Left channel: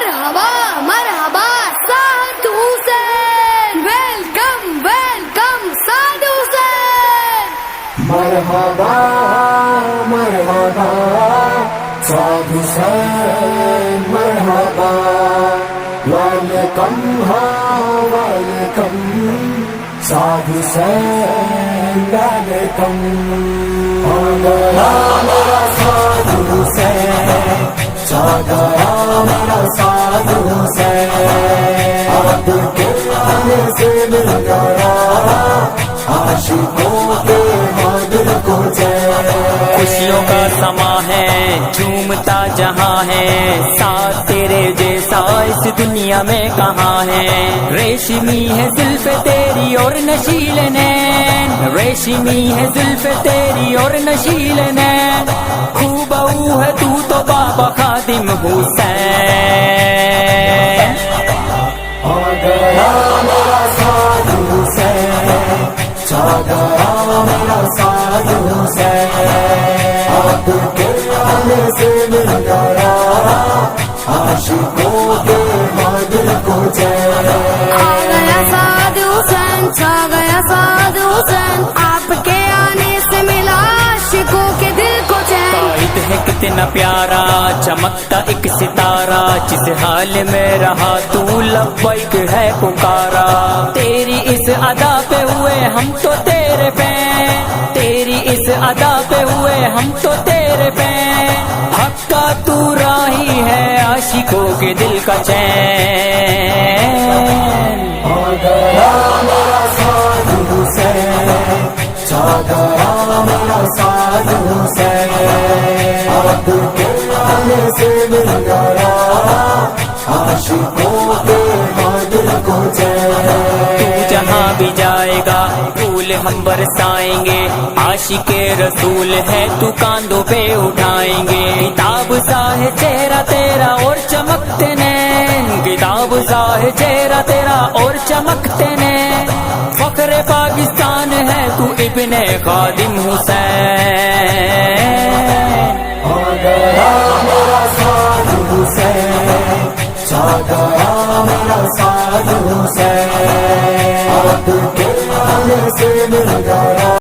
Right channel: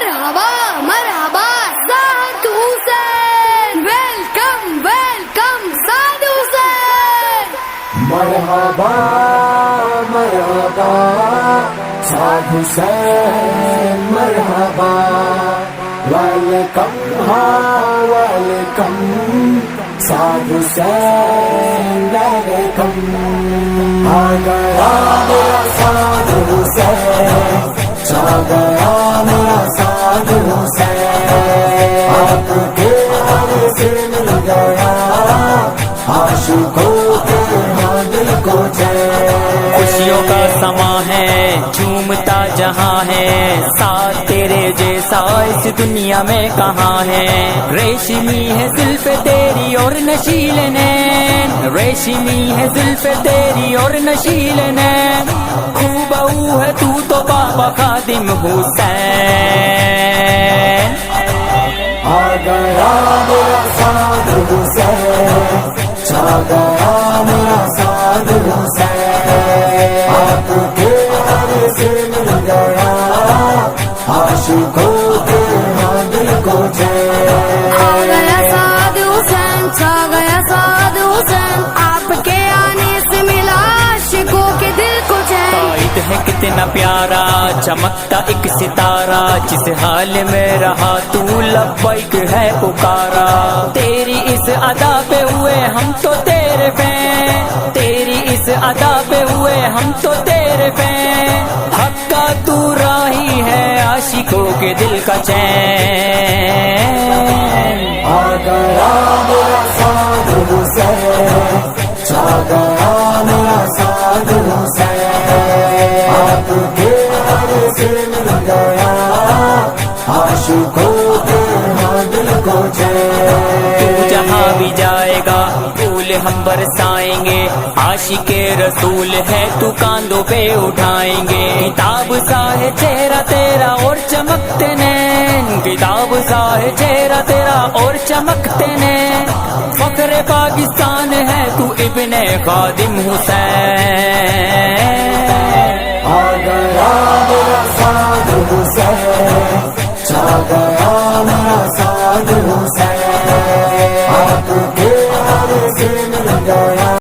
مرحبا مرحبا سعد حسین، welcome welcome سعد حسین. مرحبا مرحبا سعد حسین، مرحبا ویلکم، ہاں ویلکم سعد حسین، ویلکم. آ گیا میرا سعد حسین، آ گیا میرا سعد حسین، آپ کے آنے سے مل گیا عاشقوں کے دل کو چین. خوشیوں کا سما ہے، جھومتا جہاں ہے، ساتھ تیرے جیسا اس دنیا میں کہاں ہے. ریشمی ہے زلف تیری اور نشیل نین، ریشمی ہے زلف تیری اور نشیل نین، خوبو ہے تو بابا خادم حسین. آ گیا میرا سعد حسین، آ گیا میرا سعد حسین، آپ کے آنے سے مل گیا عاشقوں کے دل کو چین. آ گیا سعد حسین، چھا گیا سعد حسین، آپ کے آنے سے ملا عاشقوں کے دل کو چین. قائد ہے کتنا پیارا، چمکتا ایک ستارہ، جس حال میں رہا تو لبیک ہے پکارا. تیری اس ادا پہ ہوئے ہم تو تیرے فین، تیری اس ادا پہ ہوئے ہم تو تیرے فین، حق کا تو راہی ہے عاشقوں کے دل کا چین. آ گیا میرا سعد حسین، آ گیا میرا سعد حسین، آپ کے آنے سے مل گیا عاشقوں کے دل کو چین. تو جہاں بھی جائے گا پھول ہم برسائیں گے، عاشق رسول ہے تو کاندھوں پہ اٹھائیں گے. کتاب سا ہے چہرہ تیرا اور چمکتے نین، کتاب سا ہے چہرہ تیرا اور چمکتے نین، فخر پاکستان ہے تو ابن خادم حسین. آ گیا میرا سعد حسین، آ گیا میرا سعد حسین، آپ کے آنے سے مل گیا